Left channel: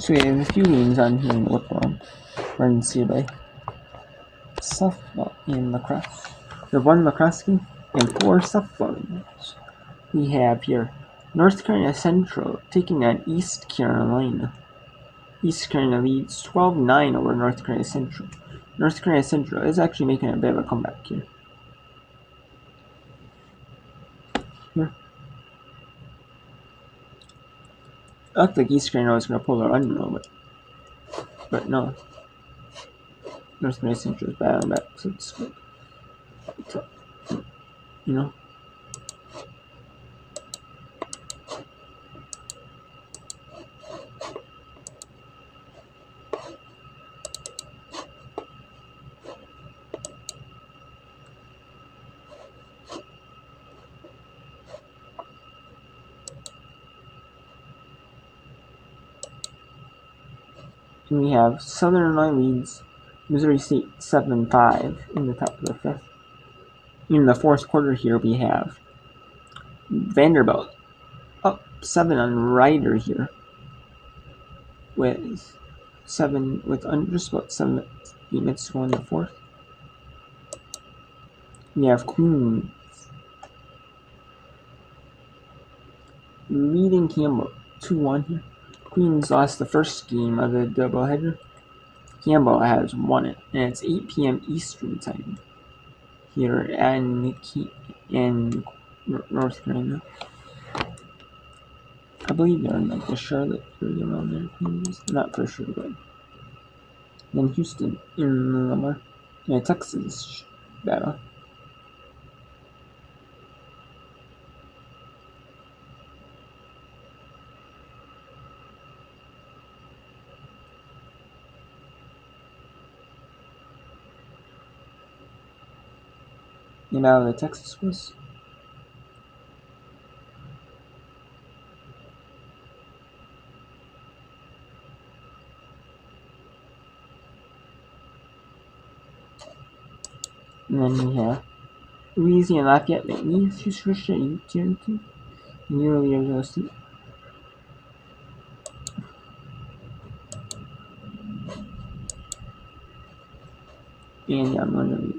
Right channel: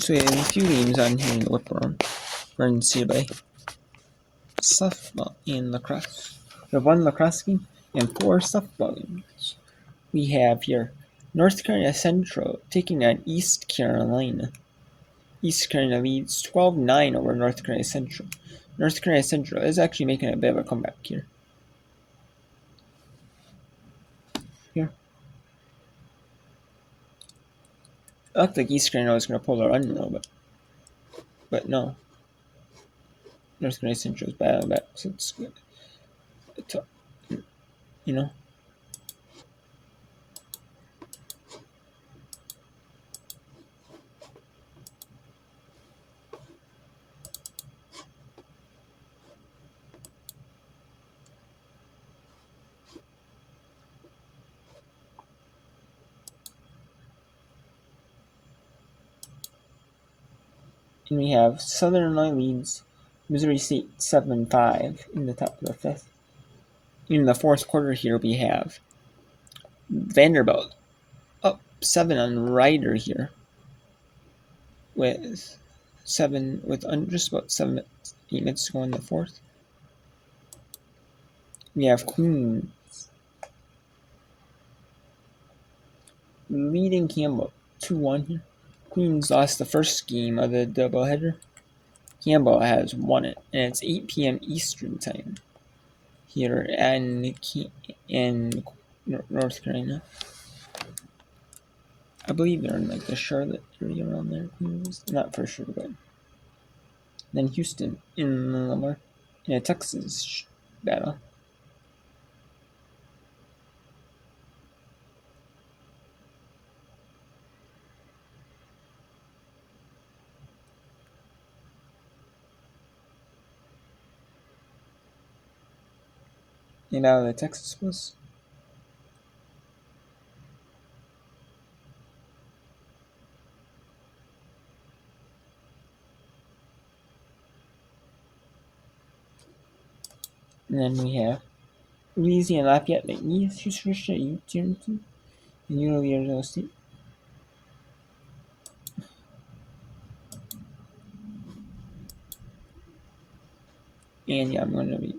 So we have a few games on here in the whip round for NCAA. Softball and lacrosse. We have 1 lacrosse game and 4 softball games. We have here North Carolina Central taking on East Carolina. East Carolina leads 12-9 over North Carolina Central. North Carolina Central is actually making a bit of a comeback here. I looked like East Carolina was going to pull a run a little bit. But no. North Carolina Central is battling back, so it's good. You know? And we have Southern Illinois leads Missouri State 7-5 in the top of the 5th. In the 4th quarter here, we have Vanderbilt up 7 on Rider here with just about 8 minutes to go in the 4th. We have Queens leading Campbell 2-1 here. Queens lost the first game of the doubleheader. Campbell has won it, and it's 8 p.m. Eastern time here in North Carolina. I believe they're in like the Charlotte area around there. Queens, not for sure, but then Houston in Lamar in a Texas battle. And out of the Texas was. And then we have Louisiana Lafayette, McNeese, Houston Christian, Utility, and Arizona State. And yeah, I'm going to be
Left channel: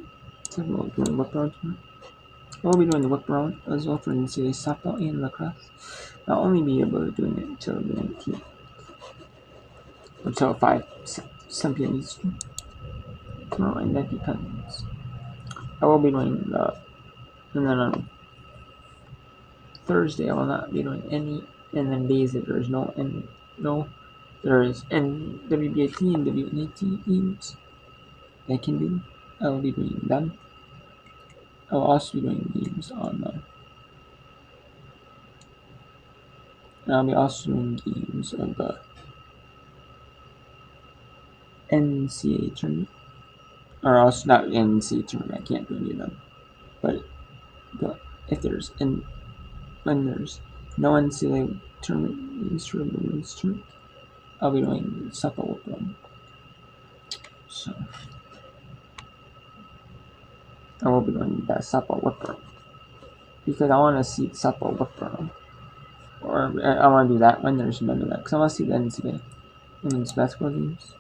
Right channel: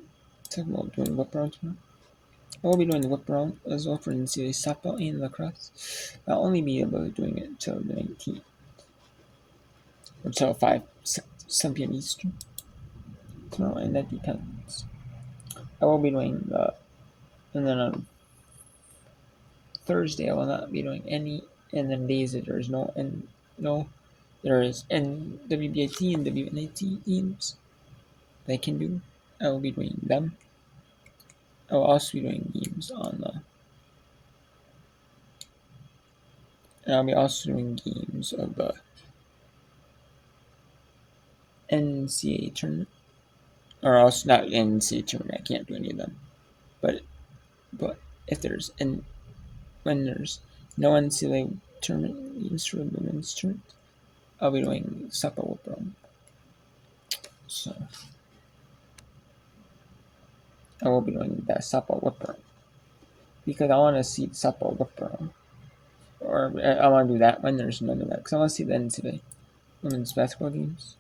talking about doing whip round here. I will be doing the whip round as well for NCAA softball and lacrosse. I'll only be able to doing it until the 19th. Or until 7 p.m. Eastern tomorrow, and that depends. I will be doing and then on Thursday I will not be doing any, and then days that there is there is WBAT and WNAT games that I can do. I will be doing them. I will also be doing games on and I'll be also doing games of the NCAA tournament. Or else not NCAA tournament, I can't do any of them. But if there's when there's no NCAA tournament games for the women's tournament, I'll be doing softball whip round. So I will be doing that softball whip round because I want to see the softball whip round, or I want to do that when there's none of that because I want to see the NCAA women's basketball games.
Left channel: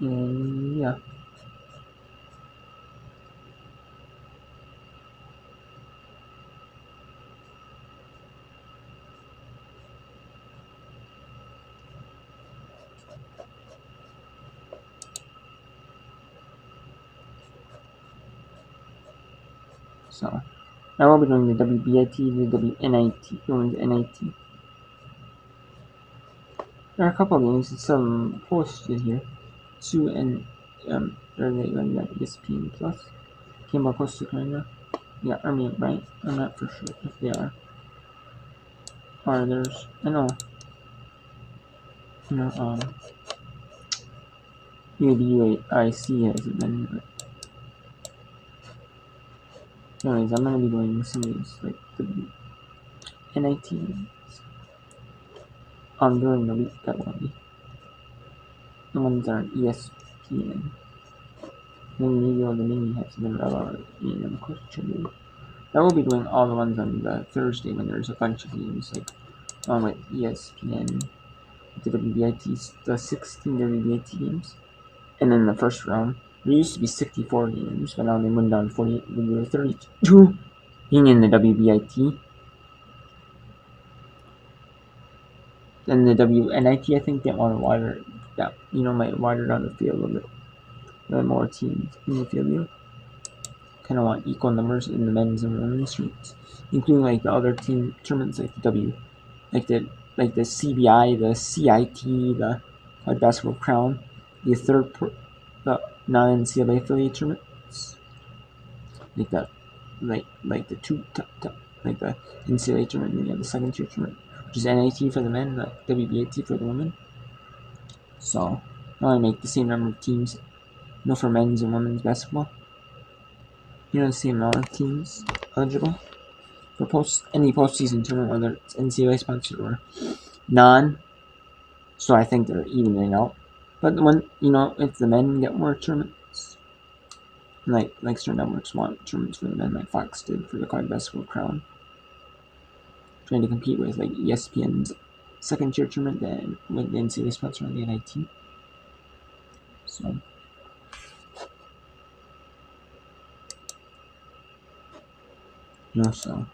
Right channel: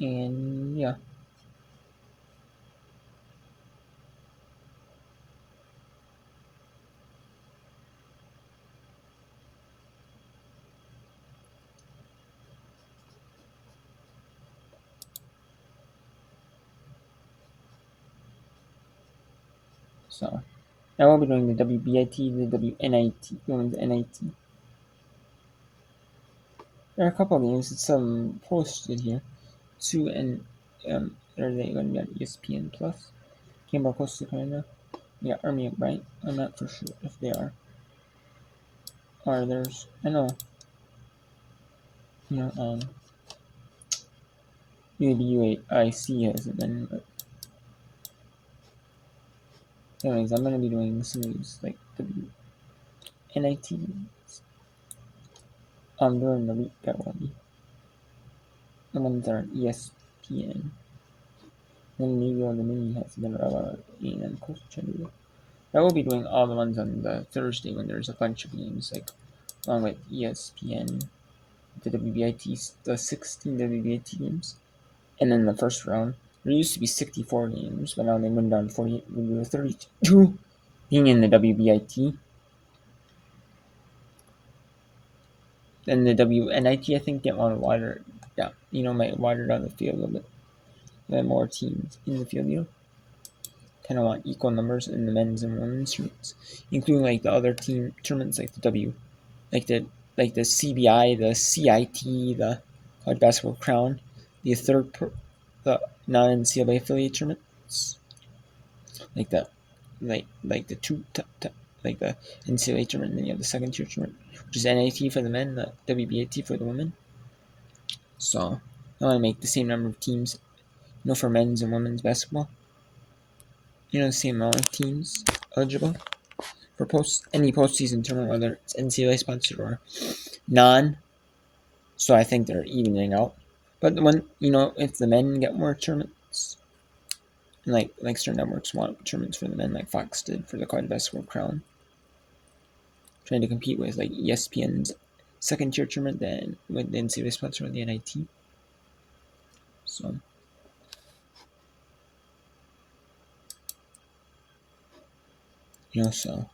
And yeah. So I will be doing the WBIT, the WNIT, women's NIT. There are a couple of games that some posted here. 2 and are they going to be on ESPN Plus? Campbell, Coastal Carolina. Yeah, Army of Bryant. I'm not for sure if they are. Or there's, I know, maybe UAIC hasn't been, but anyways, I'm going to be doing some of these, like the NIT games during the week that will be. The ones that are on ESPN. Then maybe all the mini has been relevant and Coach Chandler. I will be doing all the ones on the Thursday when there's a bunch of games, like along with ESPN, the WBIT, the 16 WBIT games. And then the first round, there used to be 64 games, but now they went down to 48. We were 32 being in the WBIT. Then the WNIT, I think, didn't want to water down, might water down the field a little bit. Let more teams in the field, kind of want equal numbers in the men's and women's tournaments, including like the other team tournaments like the CBI, the CIT, the College Basketball Crown, the the non-NCAA affiliate tournaments, like the like the NCAA tournament. Then you have the second tier tournament, which is NIT for the men, the WBAT for the women. So I want to make the same number of teams, for men's and women's basketball. The same amount of teams eligible for any postseason tournament, whether it's NCAA sponsored or non. So I think they're evening out. But when if the men get more tournaments, like certain networks want tournaments for the men, like Fox did for the College Basketball Crown, trying to compete with like ESPN's second tier tournament, then with the NCAA sponsor on the NIT. So. So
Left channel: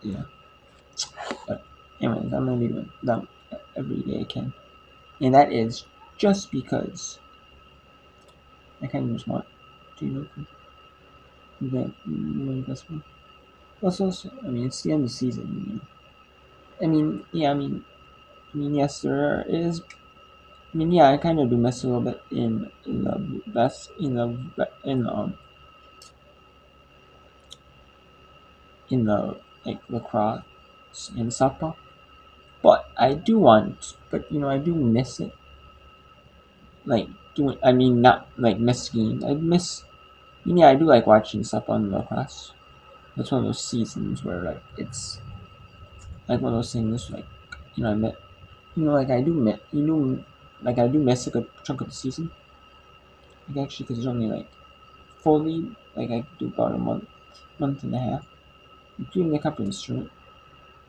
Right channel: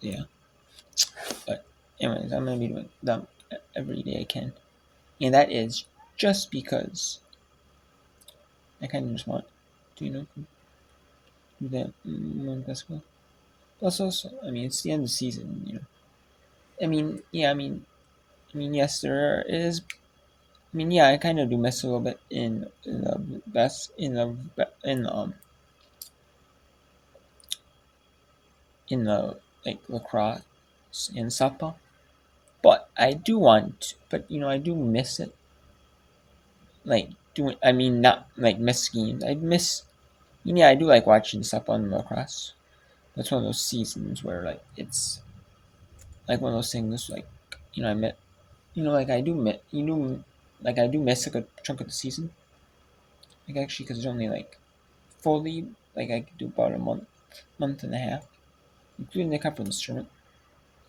yeah. But anyways, I'm gonna be doing that every day I can, and that is just because I kind of just want to do that basketball. Also, I mean, it's the end of the season, I mean, yeah, yes, there is. I mean, yeah, I kind of do miss a little bit in the best in the like lacrosse and softball, but I do want, but I do miss it. Like doing, I mean, not like miss games. I miss, yeah, I do like watching softball and lacrosse. That's one of those seasons where like it's like one of those things like I met, like I do miss, like I do miss a good chunk of the season. Like actually, because it's only like fully, like I could do about a month and a half, including the conference tournament.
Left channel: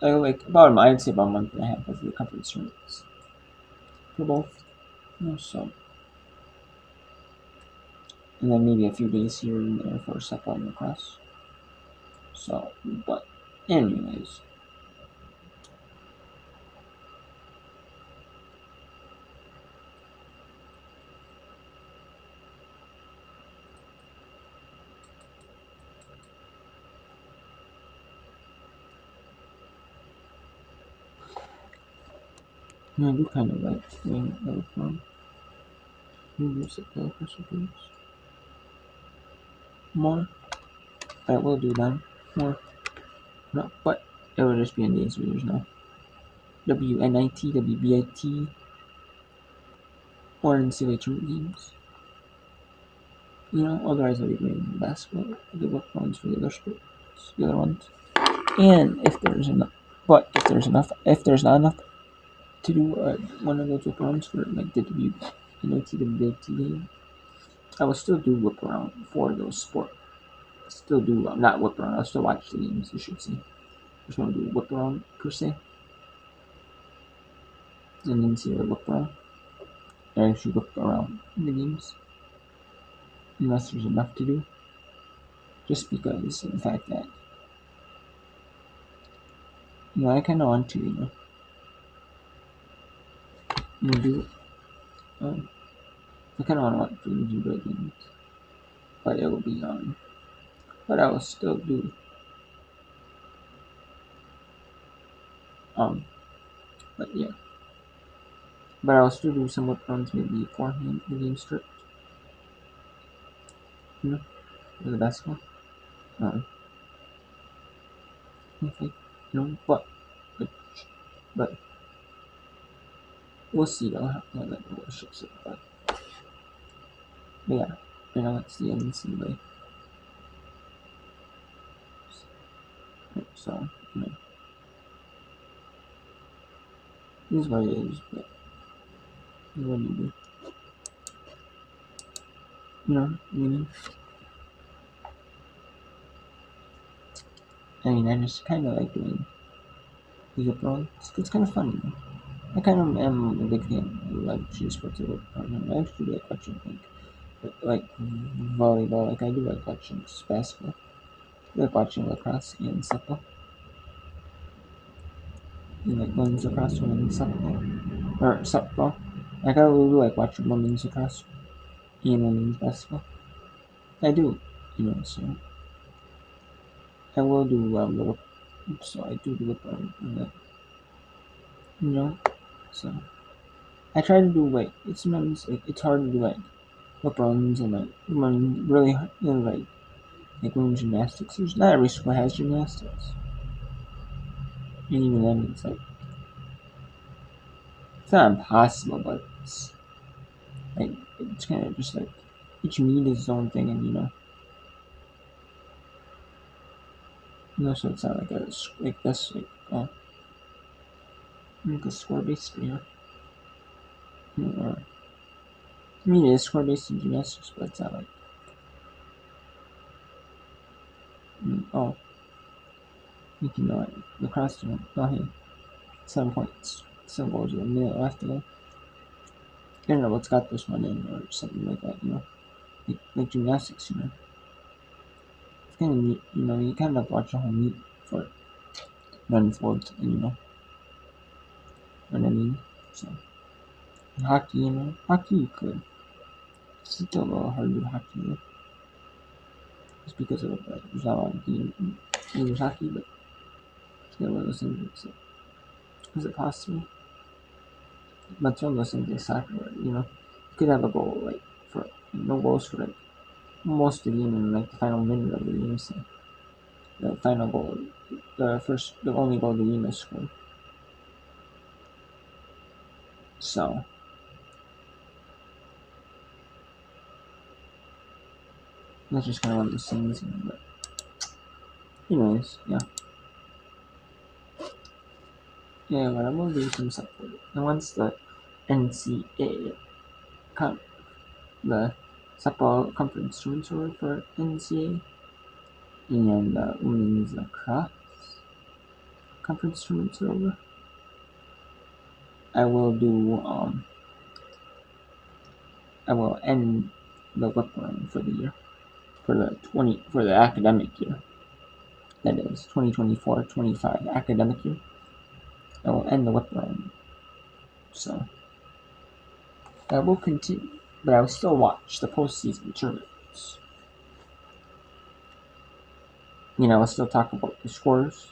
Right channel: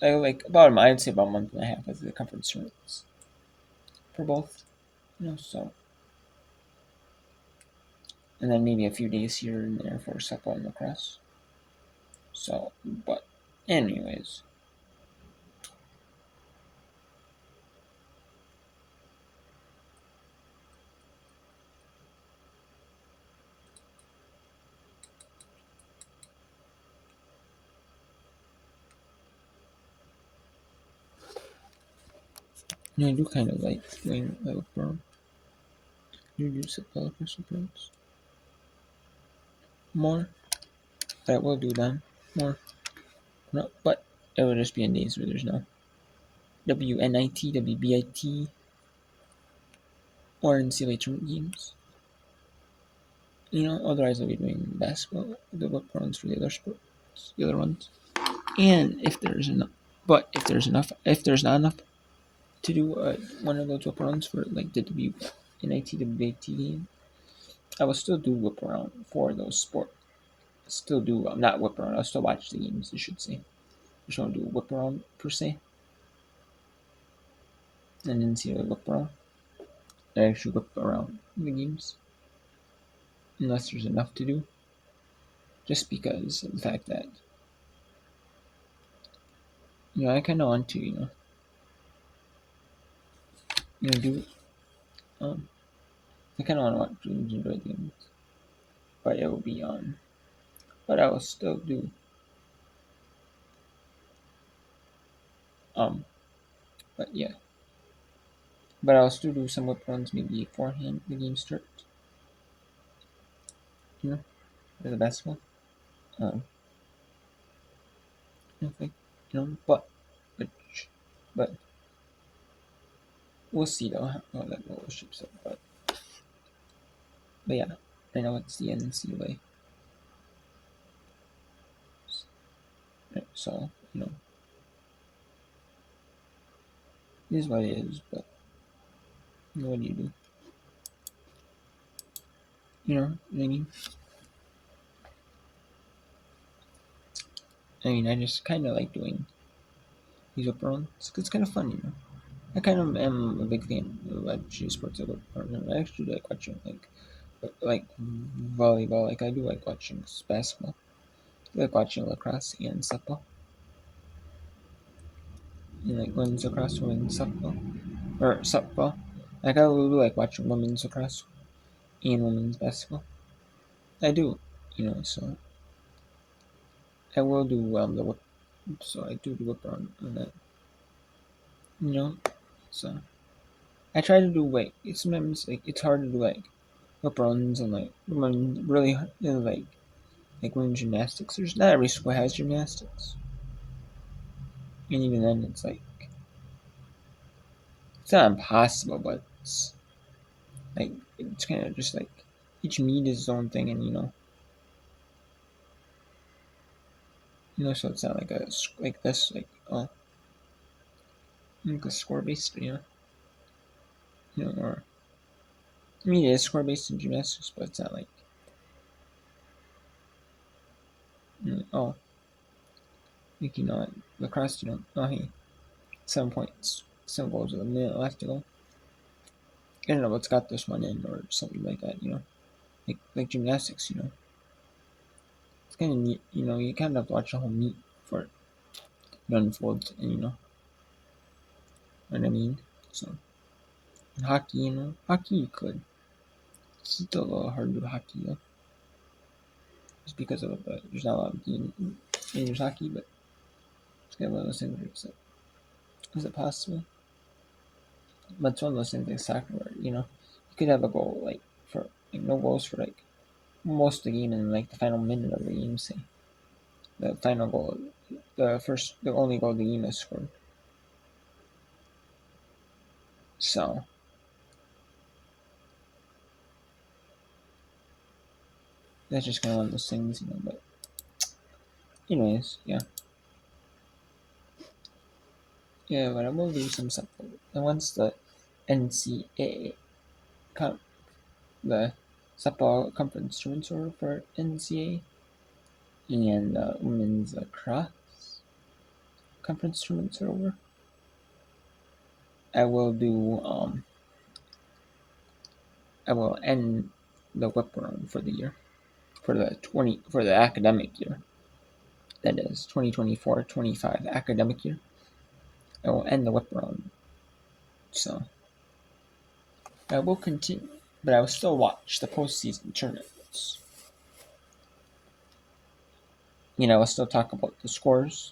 Like about I'd say about a month and a half of the conference tournaments for both. So and then maybe a few days here and there for softball and lacrosse. So, but anyways. I do kind of like doing Lacrosse. You use it Lacrosse programs more. That will do them more. No, but it will just be in days where there's no WNIT, WBIT, or NCAA tournament games. Otherwise I'll be doing basketball, the whip runs for the other sports, the other ones. And if there's enough, if there's not enough to do one of those whip runs for like the WNIT, WBIT game, I will still do whip around for those sports. Still do not whip around. I'll still watch the games. I should say. I just don't do whip around per se, and then see whip around. I actually whip around the games unless there's enough to do. Just because of the fact that I kind of want to do I kind of want to enjoy games, but it will be but I will still do but yeah. But I'll still do some whip runs maybe beforehand the game starts. For the basketball. I think, but but we'll see though how that all ships up. But yeah, I know it's the NCAA. Right, so it is what it is. But what do you do? Maybe. I mean, I just kind of like doing these whip arounds. It's kind of fun, you know. I kind of am a big fan of actually sports I work for. I actually like watching like volleyball. Like I do like watching basketball. I like watching lacrosse and softball. And like women's lacrosse, women's softball, or softball. Like I really like watching women's lacrosse and women's basketball. I do, you know. So I will do the whip. So I do the whip around and that, you know. So I try to do like it's sometimes like it's hard to do like whip runs and like run really you know, like women gymnastics. There's not every school has gymnastics, and even then it's not impossible, but it's like it's kind of just like each meet is its own thing, and so it's not like like this like a score based, or I mean it is score based in gymnastics, but it's not like oh like lacrosse hey 7 points 7 goals with a minute left to go. I don't know what's got this one in or something like that, like gymnastics, it's kind of neat, you kind of watch a whole meet for it to unfold, and what I mean. So in hockey, hockey you could. It's still a little hard to do hockey though, just because of there's not a lot of game in there's hockey, but it's got one of those things. So is it possible? But it's one of those things like soccer, where you could have a goal like for like no goals for like most of the game, and like the final minute of the game, say the final goal, the only goal of the game is scored. So that's just kind of one of those things, But anyways, yeah, but I will do some stuff for it. And once the NCAA, com- the softball conference tournaments over for NCAA and women's lacrosse conference tournaments are over, I will do I will end the whip run for the year for the academic year. That is 2024-25 academic year. I will end the whip run. So I will continue, but I will still watch the postseason tournaments. I'll still talk about the scores.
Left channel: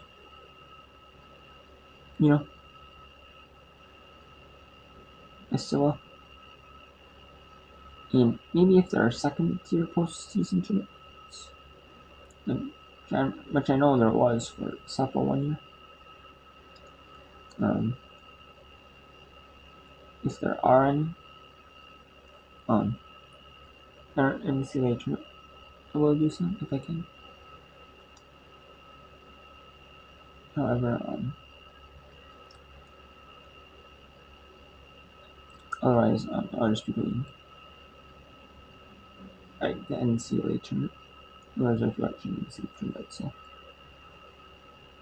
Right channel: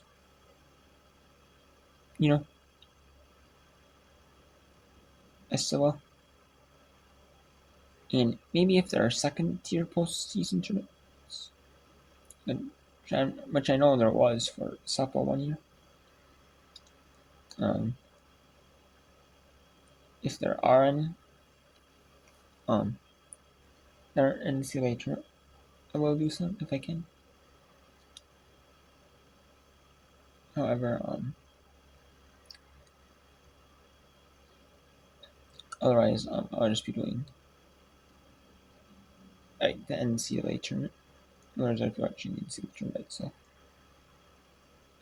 I still will. And maybe if there are second tier postseason tournaments, which I know there was for softball one year. If there are any, there are NCAA tournament, I will do some if I can. However, otherwise, I'll just be doing like the NCAA tournament. Otherwise, I'll be watching the NCAA tournament. So,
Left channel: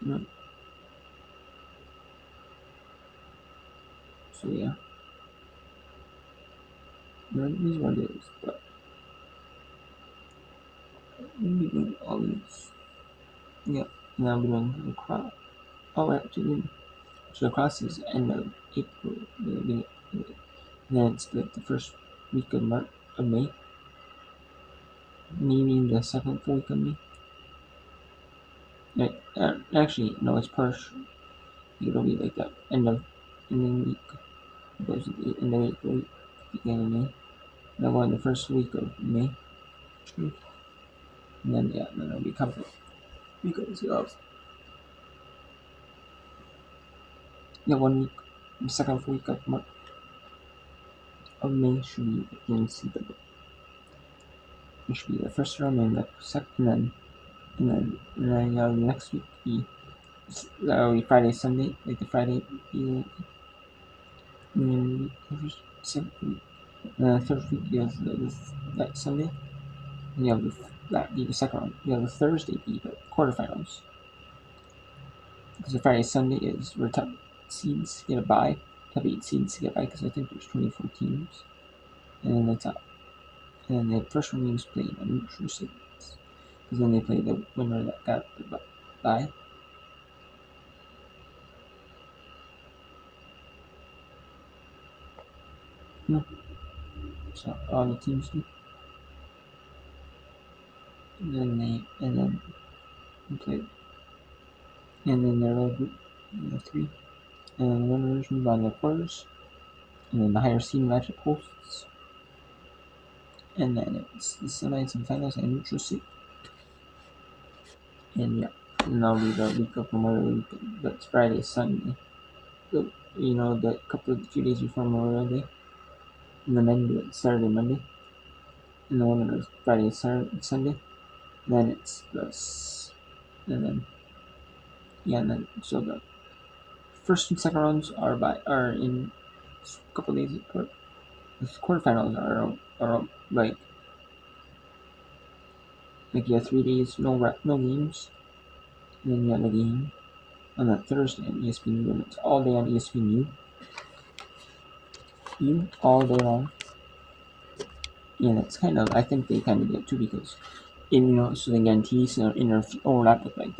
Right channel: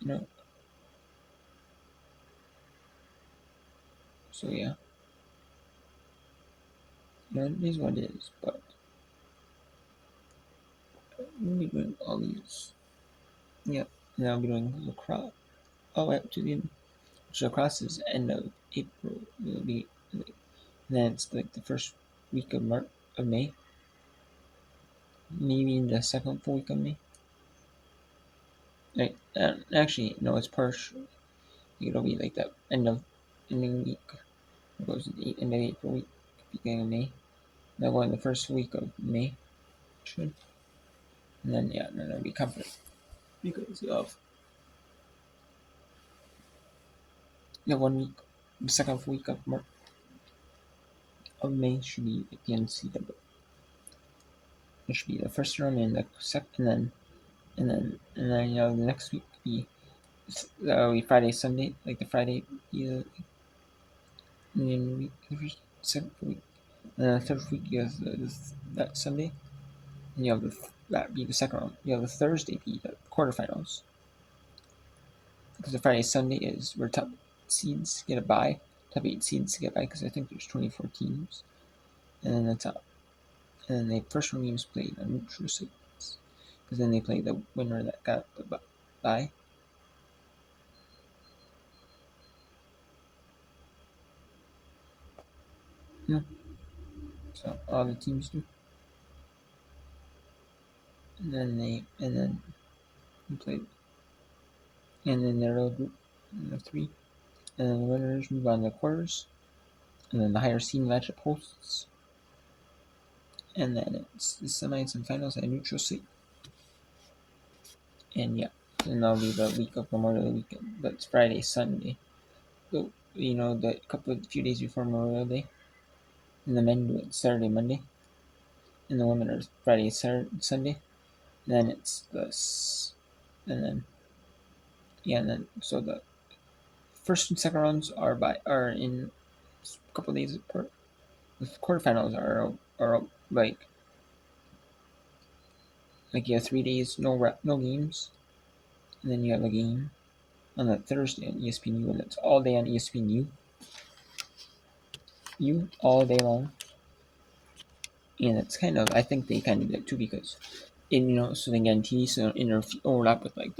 you know, so yeah, it is what it is. But we'll be doing all these. Yeah, and I'll be doing lacrosse all the way up to the end. So lacrosse is end of April. It'll be, and then it's like the first week of May, maybe in the second full week of May. Like, actually, no, it's partial. It'll be like that ending week. It goes to the end of April week, beginning of May. And I'll go in the first week of May, actually. And then, yeah, then it'll be covered. Because of, 1 week, the second week of May should be the NCAA. It should be the first round and the second, and then the next week that'll be Friday, Sunday, like the Friday be the first second week, and then the third week is that Sunday, and that be the second round. You have the Thursday be the quarterfinals, because the Friday Sunday is where top seeds get a bye, top 8 seeds get a bye, because I think there's 24 teams, and then the top, and then the first one games played a neutral seeds, because then they play the winner that got the bye. Yeah. So all the teams do, and then they play, and then they're all group of 3, and then the winners move on to the quarters, and then the higher seed matchup hosts, and then it's the semis and finals and neutral seed. And yeah, and that'll be the week of Memorial Weekend. That's Friday, Sunday. So, the few days before Memorial Day. And the men do it Saturday, Monday. And the women are Friday, Saturday, Sunday. And then it's this. And then, and then, so the first and second rounds are in a couple days apart. The quarterfinals are like you have 3 days, no games. And then you have a game on that Thursday on ESPNU, and it's all day on ESPNU. All day long. And it's I think they kind of did it too, because, so they guarantee so overlap with like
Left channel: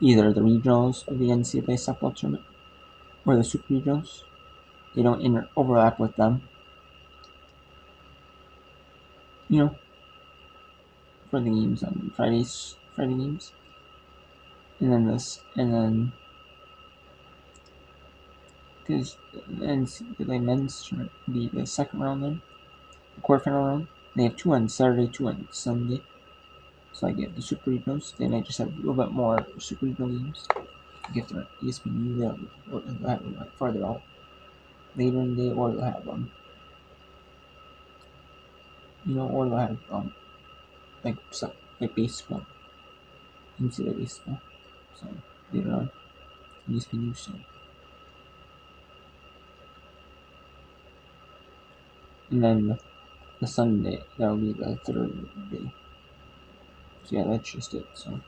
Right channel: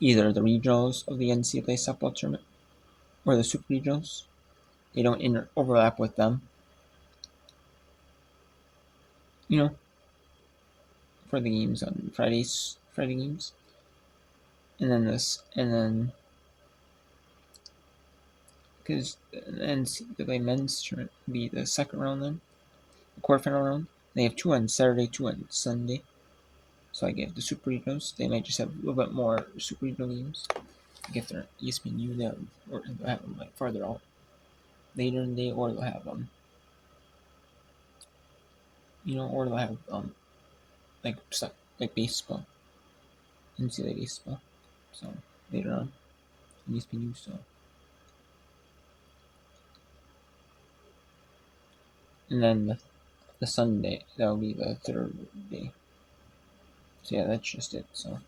either the regionals of the NCAA softball tournament or the super regionals. They don't overlap with them, for the games on Friday games. And then because the NCAA men's tournament will be the second round, then the quarterfinal round. They have 2 on Saturday, 2 on Sunday. So I get the super regionals. They might just have a little bit more super regional games. Get their ESPNU, they'll have them like farther out later in the day, or they'll have or they'll have like stuff like baseball, NCAA baseball. So later on, ESPNU. So and then the Sunday, that'll be the third day. So yeah, that's just it. So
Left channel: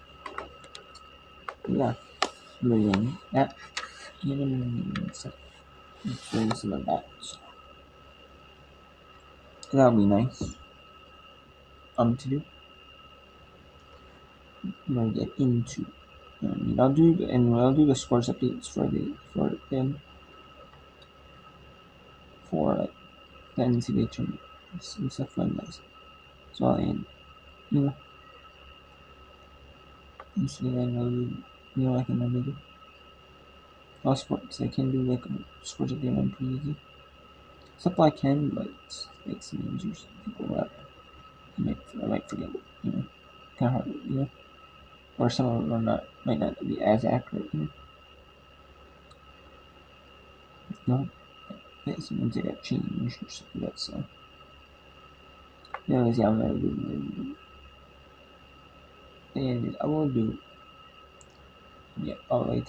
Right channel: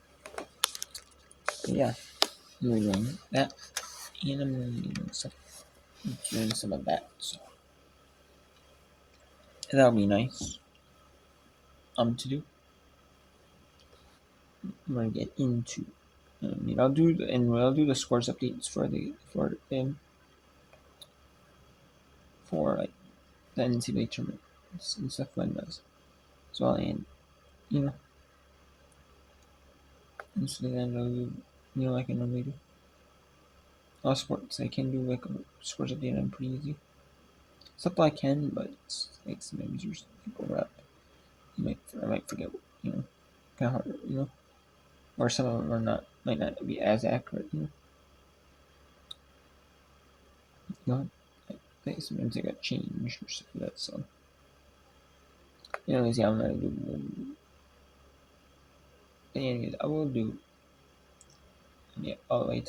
yeah, I'm reading that, and I'm doing some of that. So that'll be nice. To do. I'm gonna get into. I'll do the scores updates for like the NCAA tournament and stuff when it does. So I'll end, and so then I can really do all sports. I can do like a sports update on pretty easy. Stuff I can, but it's like sometimes you're overlap. I might forget, kind of hard, or some of them might not be as accurate, sometimes they got changed or something like that. So, anyways, yeah, I'm not a good. Anyways, I will do all the way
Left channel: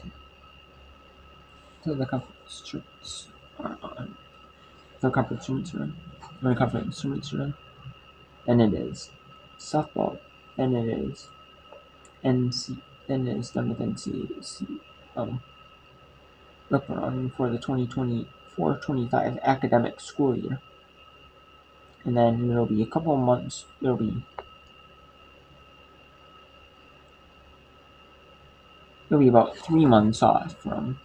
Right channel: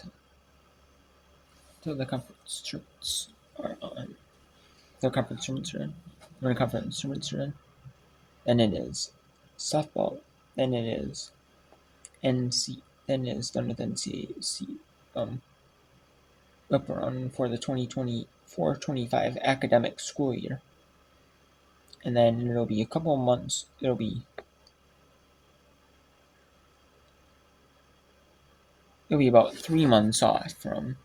to the conference tournaments are on. The conference tournaments are on. When the conference tournaments are on, then it is softball. Then it is Then it is done with NCAC. Up around for the 2024-25 academic school year, and then it'll be a couple of months. It'll be about 3 months off from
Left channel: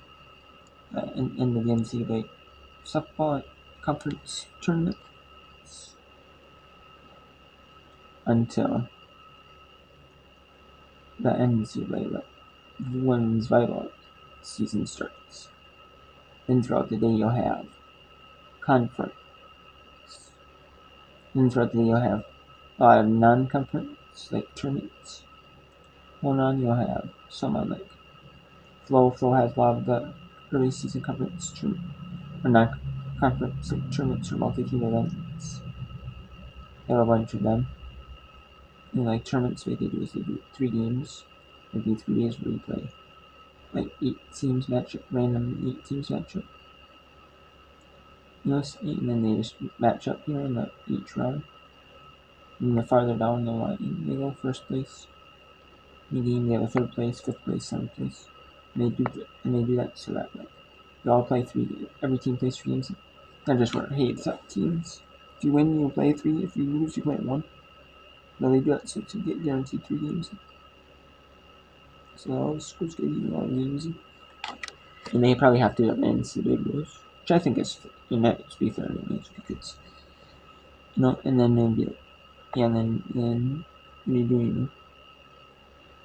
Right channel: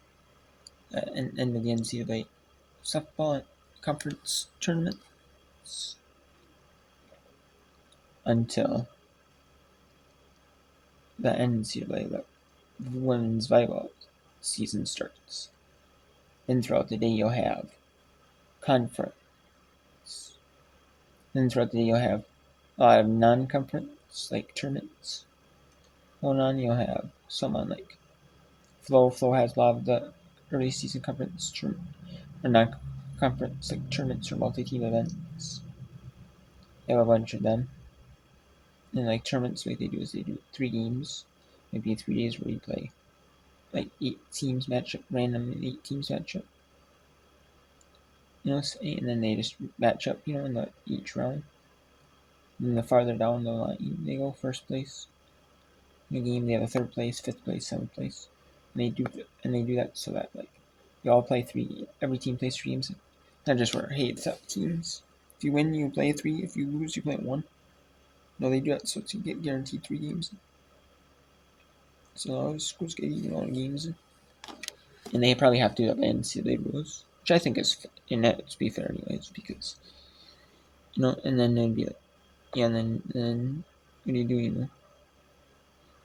the end of the NCAA softball conference tournaments until the NCAA women's volleyball season starts. Then throughout the day you'll have conference. Then throughout the day you'll have a lot of non-conference like tournaments going on. You'll have some on like Flow. Flow has a lot of the early season conference or non-conference like tournaments or multi-team events. They have a bunch of them. And like tournaments, what they do is they do 3 games, maybe 3 days where you play like 8 teams match up, random 8 teams match up. And then they just match up, in each round. And the farther down the line they go, first place in the game, they have a 3rd place, 5th place, 7th place. and they do that so that like you all play every team plays 3 games. Not just for hey it's up teams. If you win you play 3, if you lose you play 1. No, they do that so to get guaranteed 3 games. So schools get a lot of games. And they probably have to do that by NCAA rules. Which I think is to be fair anyways, because and then they'd be like and then what do you do,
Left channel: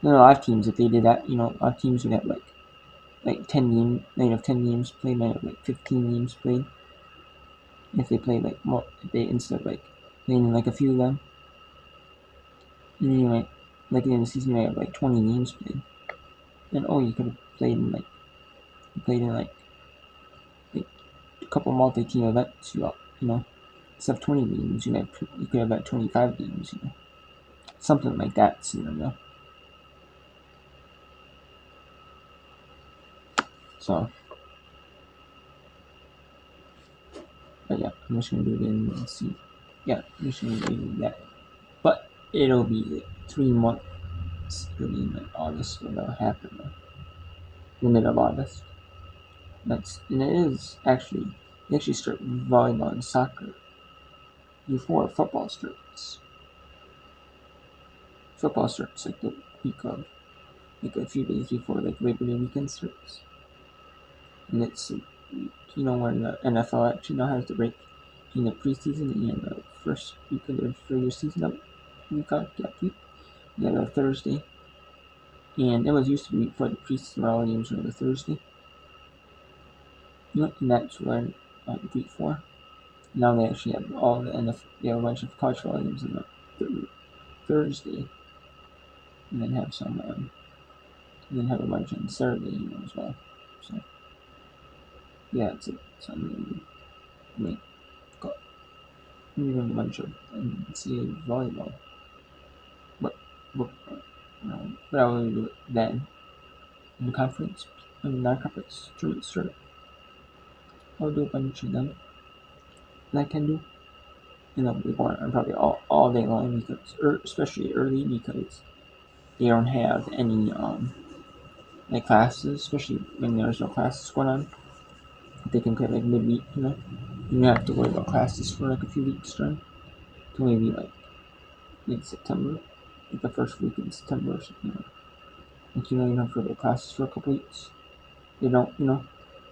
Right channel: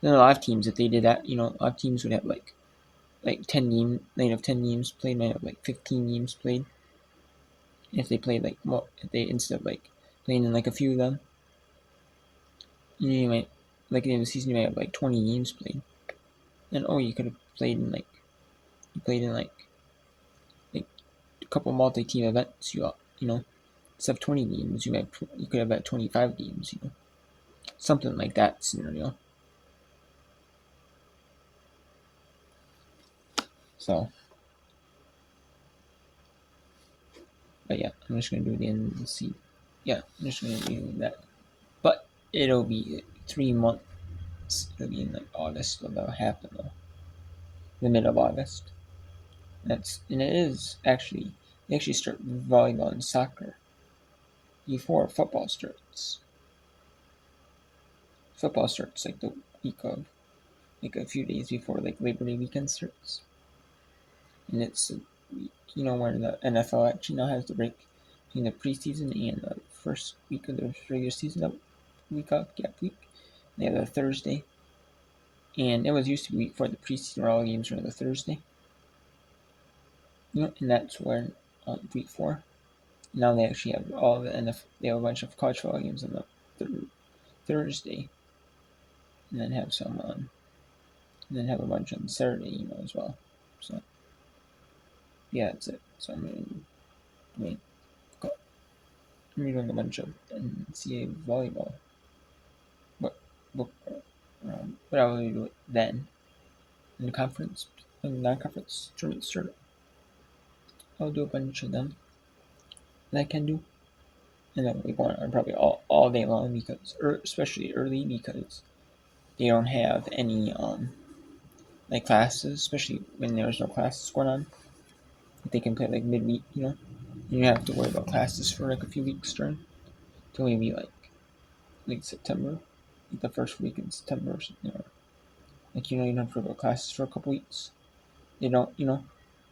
Then a lot of teams if they did that, a lot of teams would have like 10 games, they'd have 10 games played, might have like 15 games played. If they played if they instead of like playing in like a few of them, you might like in the season you might have like 20 games played. And you could have played in like a couple multi-team events. Instead of 20 games, you could have had 25 games. Something like that scenario. So, but yeah, I'm just gonna do it again and see. Yeah, I'm just gonna do that. But it'll be 3 months. It'll be in like August when that'll happen though. The mid of August. And it is actually they actually start volleyball and soccer before football starts. Football starts like the week of like a few days before like Labor Day weekend starts. And it's where the NFL actually now has the break between the preseason and the first week of the regular season that week off gap week. They have a Thursday. And it was used to be before the preseason where all games were on the Thursday. And that's where week 4. Now they actually have all the NFL. They have a bunch of college football games on the Thursday, and then have some and then have a bunch on Saturday, as well. So yeah, that's it. So I'm doing a bunch of NCAA volleyball. What I will do it then in the conference, in the non-conference tournament start. I'll do a bunch of them that I can do. And that'll be going probably all day long because, especially early because they don't have any like classes, especially when there's no classes going on. They can play like midweek, You don't have to worry about classes for like a few weeks during, till maybe like late September, like the first week in September or something. Like you don't have to worry about classes for a couple weeks. They don't,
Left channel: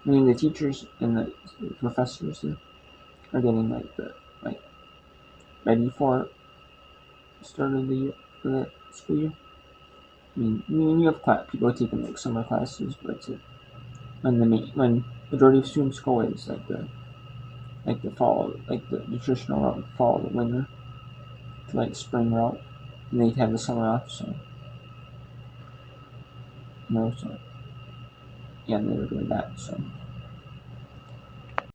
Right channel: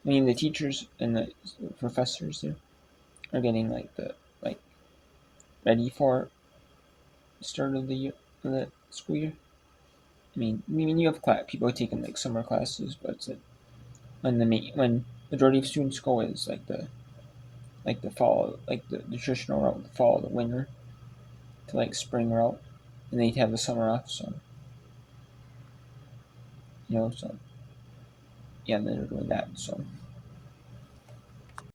I mean the teachers and the professors there are getting like ready for the start of the year, for the school year. I mean you have people taking like summer classes, but it's like when majority of students go is like the fall, like the traditional route, the fall, the winter, to like spring route, and they'd have the summer off. So so yeah, they're doing that. So